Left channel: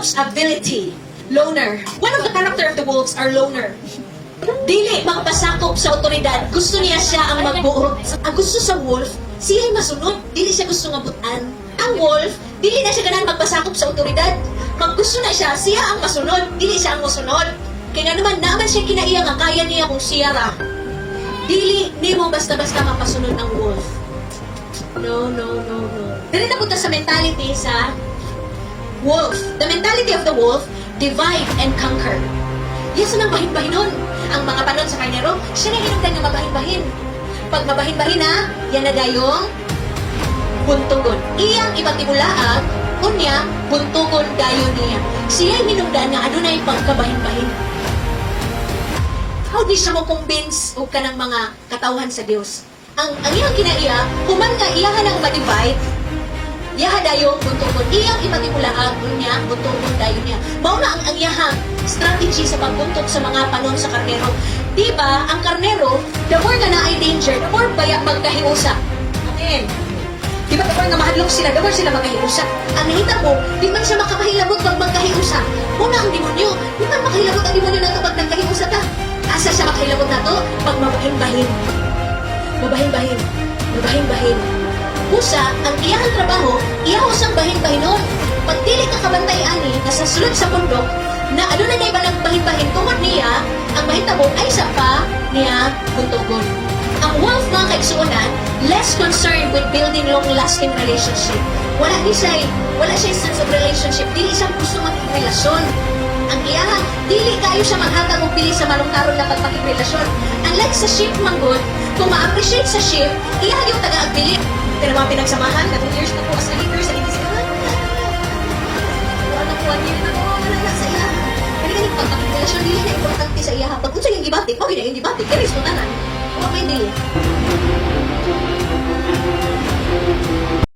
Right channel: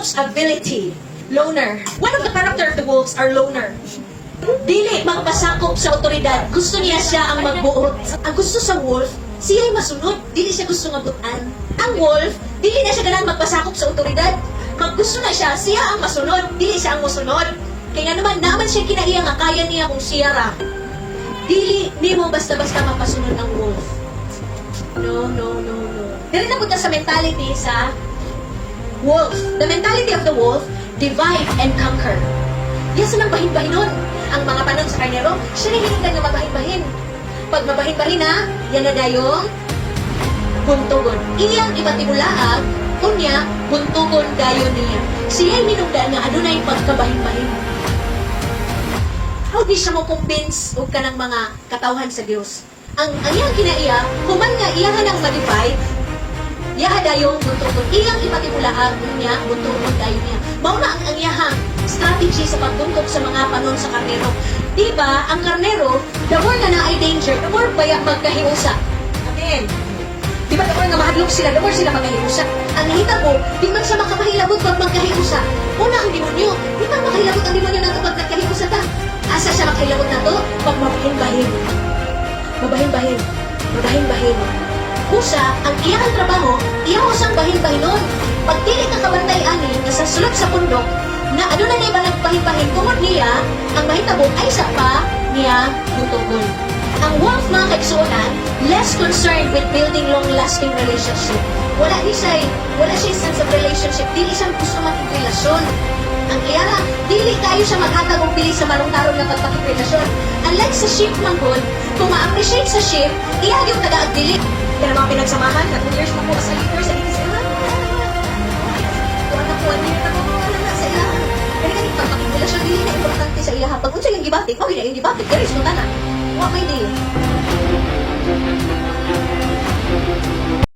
wolf's ability. Loner. One of the character of the wolves are loner. Dili magpasakop sa otoridad. Gusto niya siya ang magbuot. Ang gusto sa wolf, siya ay masunod. Dili siya gusto nga butan. Ang wolf, dili na siya ganahan magpasakop sa otoridad. Pag gusto na siya, siya ang masunod. Dili siya ang masunod. Kaya naman siya kinaiya nga kaya niya kung siya ra. Dili, di mo basta-basta mapasunod ang wolf. No. Dili na punta sa mentality sa wolf. The mentality of the wolf, divide and conquer. Yes, ang bahin-bahinon. Ang mga panon sa karnero, siya rin hinintay na mabahin-bahin. Pag mabahin-bahin na, yan na dayong buntugon. Iyang ibatibulaag, unya, buntugon dayon niya. Siya'y minungdaan nga adunay pagkabahin-bahin. How di siya mo convince o ka ng mga katawhan sa Diyos? Ang iyang kinaiya, human nga iya nga nang ma-divide, yaha dayong buntugon. Iyang ibatibulaag, unya, buntugon dayon niya. Mao na ang iyahang strategy sa pagbuntog sa mga panon sa karnero. Diba, ang karnero, the more na ay danger, the more baya magkahiusa. Amen. Diba, the more nga mahadlok sila, the more sila magkahiusa. Ang hitabo, di man siya makakahilabot pag magkahiusa. Una ang demonyo, di man makahilabot ang demonyo na ito pag nagkahiusa ka. Asa siya makahilabot na to? Pag mabahin-bahin. Mabahin-bahin. Musa, ang iyang trabaho, iyahos ang bahin-bahinon. Pag dili ka kabantay ani, nasa sulod sa pundok, na ano na iba nagbahin-bahin tungod niya, ang mahitabo ay sa pa niya buntugon. Ang wolf mga kaigsuonan, less concerned with building long-lasting relationship. Wala siya sense of relationship, dili siya gusto makipagrelasyon. Ang iyara, dili kayo siya maghatag og pili sa malungkaron nga pagpakipagrelasyon. Unlike sa sheep man good, kung ma-appreciate sa sheep, iya yung taga-agpili. Pero mga pinagsamahan, na 2 years na po as a leader sa ligas, sa iya. Kaya ganit ka, pagrelasyon dili na importante sa iya. Pag unsa yung gibatik, okay na yung gibatik, pero is kung tanan. Huwag may dili.